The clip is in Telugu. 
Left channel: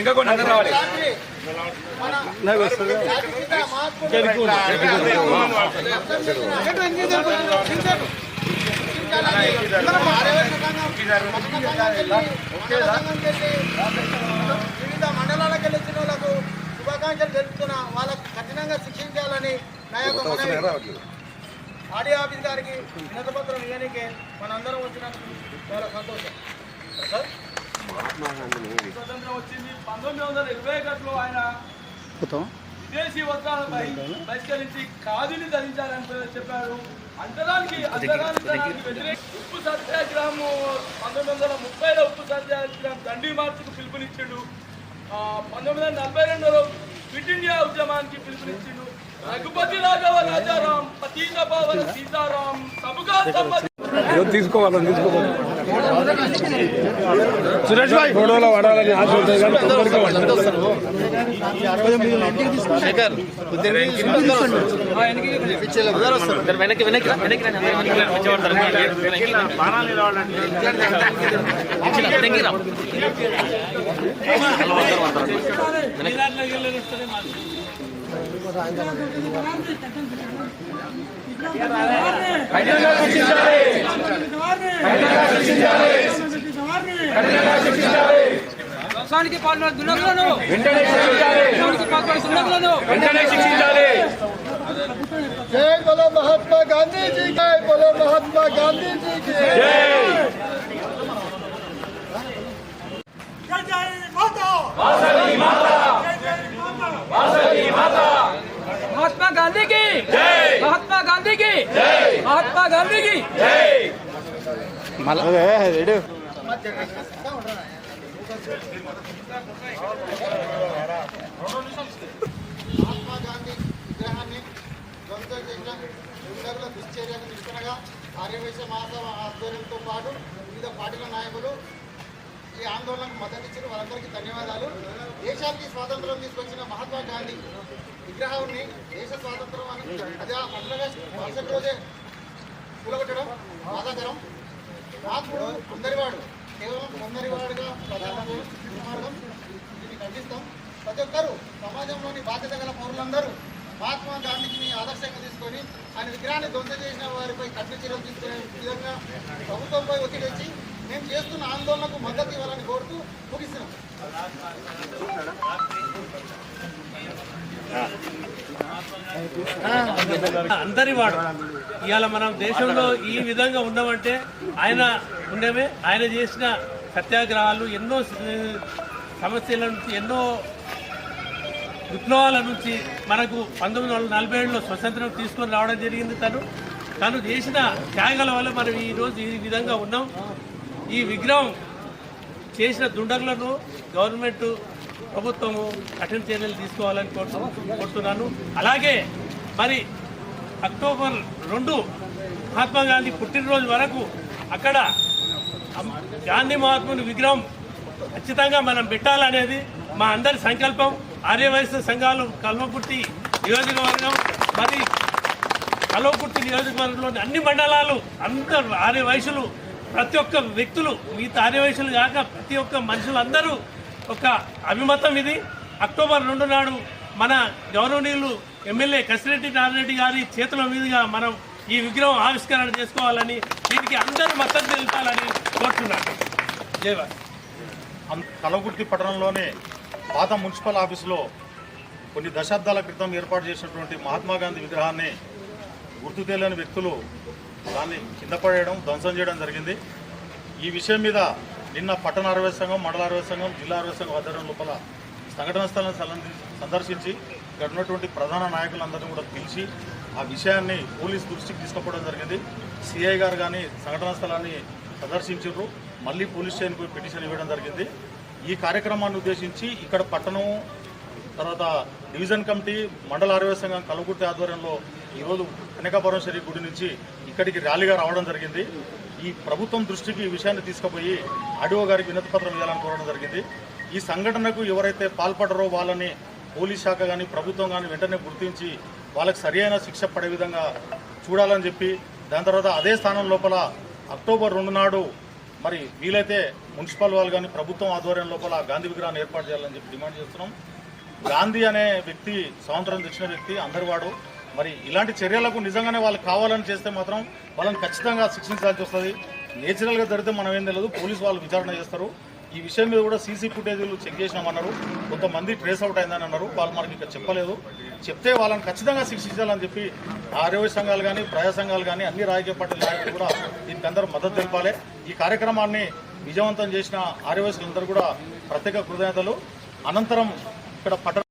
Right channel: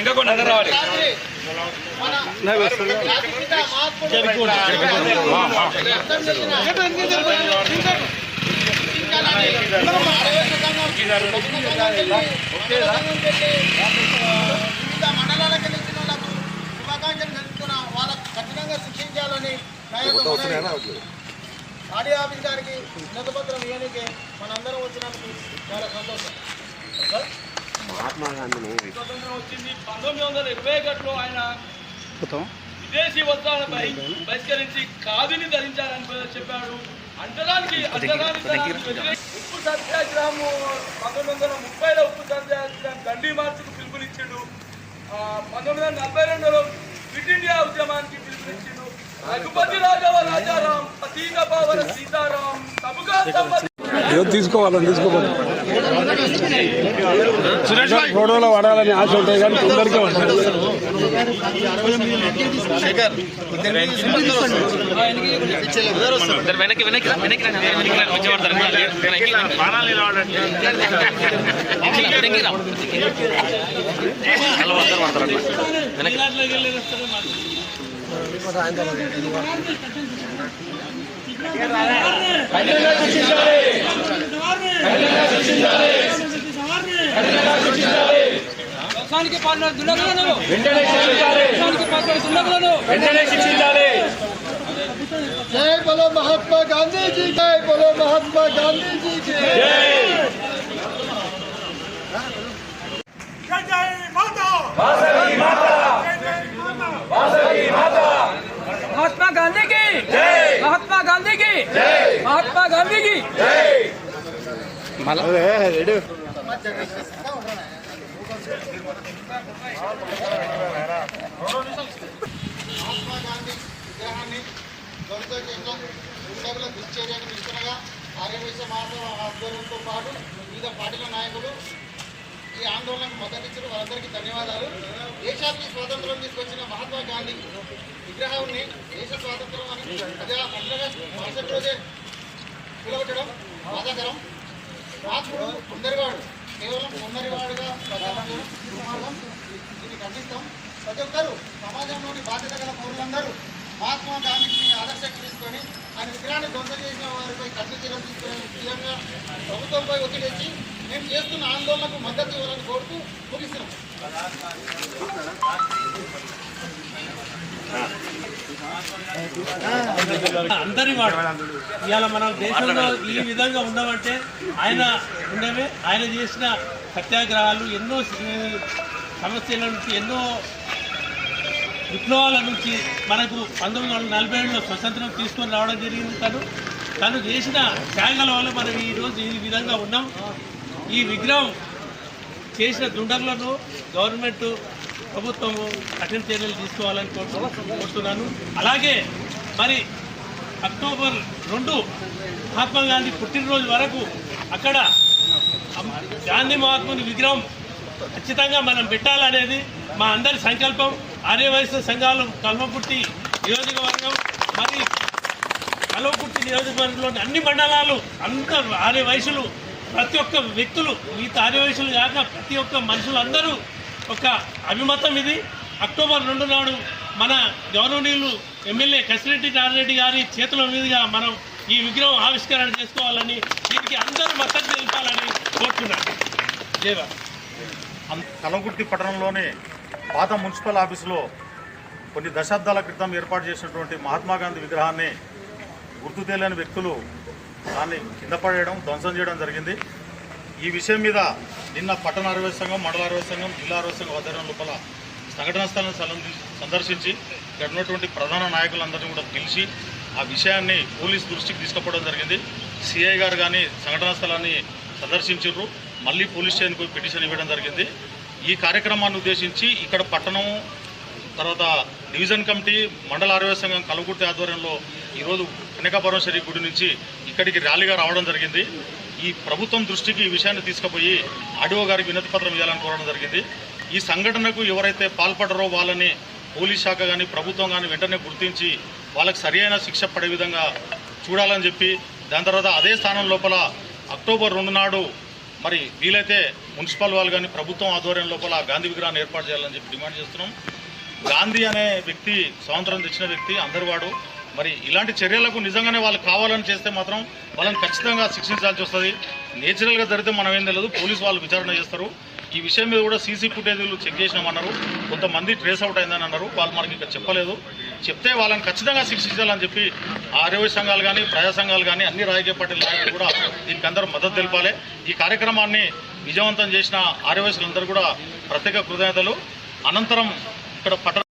ఇంకా కొన్ని అందరూ రావాలి. వివిధ మండలాలకు వెళ్ళిన వాళ్ళకు శుభాకాంక్షలు తెలుపుతున్న వాళ్ళకు కఠినంగా శిక్షించాలని ఆడియో ఆఫీస్ గారికి వినతిపత్రం ఇవ్వడానికి మనందరం వచ్చినందుకు చాలా సంతోషం. స్వతంత్రం వచ్చింది 1921లో ఆయన విదేశీ వస్త్రాలపై బహిష్కరించి ఖాదీని ధరించాలని చెప్పాడు. అంతరానికి ఉప్పు సత్యాగ్రహం 1930లో ఉప్పు సత్యాగ్రహం దండి మార్చికి పిలుపునిచ్చిండు. 1942లో క్విట్ ఇండియా ఉద్యమానికి పిలుపునిచ్చిండు. రఘుపతి రాఘవ రాజారాం పతీత పావన సీతారాం సబుగా తీసుకోవాలి సురేష్ భాయ్ గొడవలో పడాలని ఆశ ఉంటుంది కానీ తొందరగా వ్యవసాయానికి పాల్గొన్న దుండగులను జై బోలో మహాత్మా గాంధీజీ జై బోలో మహాత్మా గాంధీజీ జై జై మాతా महात्मा गांधी की महात्मा गांधी की महात्मा गांधी की మహాత్మా గాంధీ విగ్రహాన్ని ధ్వంసం చేసిన దుండగుల దుశ్చర్యకు నిరసనగా ఆర్యవైశ్య మహాసభ ఆధ్వర్యంతో పాటు వివిధ పార్టీల నాయకులు ఈ ఆందోళనకు మద్దతిచ్చిన వారందరికీ ధన్యవాదాలు. దేశానికి స్వాతంత్రం తీసుకొచ్చిన మహాత్మా గాంధీ విగ్రహాన్ని దేశ స్వాతంత్రం అని ప్రజా పండుగ మరుసటి రోజే కూలగొట్టడం బాధాకరం. మహాత్ముడు అందరివాడు, కేవలం కొందరివాడుగా దుర్మార్గం. దీన్ని ఖండిస్తాం. ప్రతి ఒక్కరూ సమాజంలోని బాధ్యత గల పౌరులందరూ మహాత్మా గాంధీని ఆదర్శంగా తీసుకొని ఆయన విగ్రహాన్ని ధ్వంసం చేసిన వారిపై కఠిన చర్యలు తీసుకునే విధంగా ప్రభుత్వంపై ఒత్తిడి తెచ్చి మేము చేస్తున్న ఆందోళనకు మద్దతు ఇవ్వాలని కోరుతూ ముగిస్తున్నాం. అందరి వాడు ఇవాళ మనం దేశంలో ఈ విధంగా ఉన్నామంటే ఆయన ఉండేవే. ఆయన చేసిన సత్యాగ్రహాలు ఎన్నో సమస్యల నుంచి, ఎన్నో విప్లవాల నుంచి మనకు 1947లో స్వతంత్రం తీసుకొని రావడం జరిగింది. తను చేసిన త్యాగాల వల్ల మనం ఈరోజు ఈ విధంగా ఉన్నాం. ఈ విగ్రహం చేసిన దుండగులను గవర్నమెంట్ ప్రభుత్వము కఠిన చర్యలు తీసుకోవాలని కోరుతున్నాను. అలాగే మరి అక్టోబర్ 2 మహాత్మా గాంధీ పుట్టినరోజు వరకు అక్కడ గాంధీ మహాత్ముని విగ్రహం ఖచ్చితంగా మనం పెట్టాలనేది మా అందరి సంకల్పం. ఆర్యవైశ్య సంఘాలు కల్వకుర్తి నియోజకవర్గం, మరి కల్వకుర్తి నియోజకవర్గంలోని అన్ని మండలాలు అందరూ ఆర్యవైశ్యులు, ప్రతి ఒక్క వ్యక్తులు, మిగతా ఆర్యవైశ్యులు కాక ప్రతి ఒక్క మనుషులందరూ ఒక అభిమతం ఇది. అక్టోబర్ 2 నాడు మన గౌరవనీయులు ఎమ్మెల్యే కసిరెడ్డి నారాయణరెడ్డి గారి చేతుల మీదుగా మనం ఈ విగ్రహం ఆవిష్కరణ చేసుకోవాలని, దీనికి అందరూ మద్దతు తెలపాలని కోరుతున్నాను. జయవా. కల్వకుర్తి పట్టణంలోని పాత మున్సిపల్ ఆఫీసులో కొన్ని దశాబ్దాల క్రితం ఏర్పాటు చేసినటువంటి మహాత్మా గాంధీ విగ్రహాన్ని గుర్తు తెలియని వ్యక్తులు దాన్ని కింద పడేయడం, ధ్వంసం చేయడం జరిగింది. ఈ విషయం మీద నిన్న పట్టణ ఆర్యవైశ్య సంఘం, మండల ఆర్యవైశ్య సంఘం, జిల్లా ఆర్యవైశ్య సంఘం ఆధ్వర్యం లోపల సంఘటనా స్థలాన్ని సందర్శించి ఇక్కడ ఉన్నటువంటి ప్రధాన నాయకులందరినీ కూడా పిలిచి ఆ విషయాన్ని పోలీస్ దృష్టికి తీసుకుపోవడం జరిగింది. సిఐ గారు కానీ సంఘటనా స్థలాన్ని సందర్శించారు. మళ్ళీ పోలీస్ స్టేషన్కు పిటిషన్ ఇవ్వడం జరిగింది. ఈ కార్యక్రమాన్ని ఉద్దేశించి ఇక్కడ పట్టణం, తర్వాత డివిజన్ కమిటీ, మండల ఆర్యవైశ్య సంఘం కల్వకుర్తి ఆధ్వర్యంలో ఈరోజు కనకాపరమేశ్వరి గుడి నుంచి ఇక్కడికి ర్యాలీగా రావడం జరిగింది. ఈ ప్రభుత్వం దృష్టికి ఈ విషయాన్ని తీసుకుపోయి ఆర్డీఓ గారికి వినతి పత్రం ఇవ్వాలని కోరడం జరిగింది. ఈ సంఘటనకు ఎవరైతే పాల్పడరో వాళ్ళని పోలీస్ శాఖ కానీ ప్రభుత్వం కానీ వెంటనే గుర్తించి వాళ్ళకి సరైన శిక్ష పడే విధంగా చూడాలని చెప్పి, దాని తర్వాత అదే స్థానం లోపల అక్టోబర్ 2 నాడు మరి వీలైతే మున్సిపల్ వాళ్ళు కానీ ప్రభుత్వం ఆధ్వర్యం లోపల గాంధీ విగ్రహాన్ని ఏర్పాటు చేయాలని చెప్పి డిమాండ్ చేస్తున్నాం. గాంధీ అనే వ్యక్తి స్వాతంత్రం తెచ్చిన వ్యక్తి, అందరివాడు. మరి ఇలాంటి చర్యలకు నిజంగానే వాళ్ళు కావాలని చేస్తే మాత్రం వాళ్ళని ఖచ్చితంగా శిక్షించాల్సి వస్తుంది. నేచురల్గా జరిగితే మనం ఏం తెలియదు, పోలీసు వాళ్ళు విచారణ చేస్తారు. ఈ విషయం మీద కూడా సీసీ ఫుటేజీలు చెక్ చేసినామన్నారు, కొంతమంది ట్రేస్ అవుట్ అయిందని అన్నారు. వాళ్ళు మనకి ఇంకా చెప్పలేదు. చెప్తే వాళ్ళని ఖచ్చితంగా శిక్షించాలని చెప్పి ఆర్యవ సంఘాలు కానీ ప్రజా సంఘాలు కానీ అన్ని రాజకీయ పార్టీల నాయకులు కూడా దీనికి అందరూ మద్దతు తెలపాలి. ఈ కార్యక్రమాన్ని విజయవంతం చేసిన ఆర్యవైశ్యులందరూ కూడా ప్రత్యేక కృతజ్ఞతలు. అనంతరం ఇక్కడ పట్టణ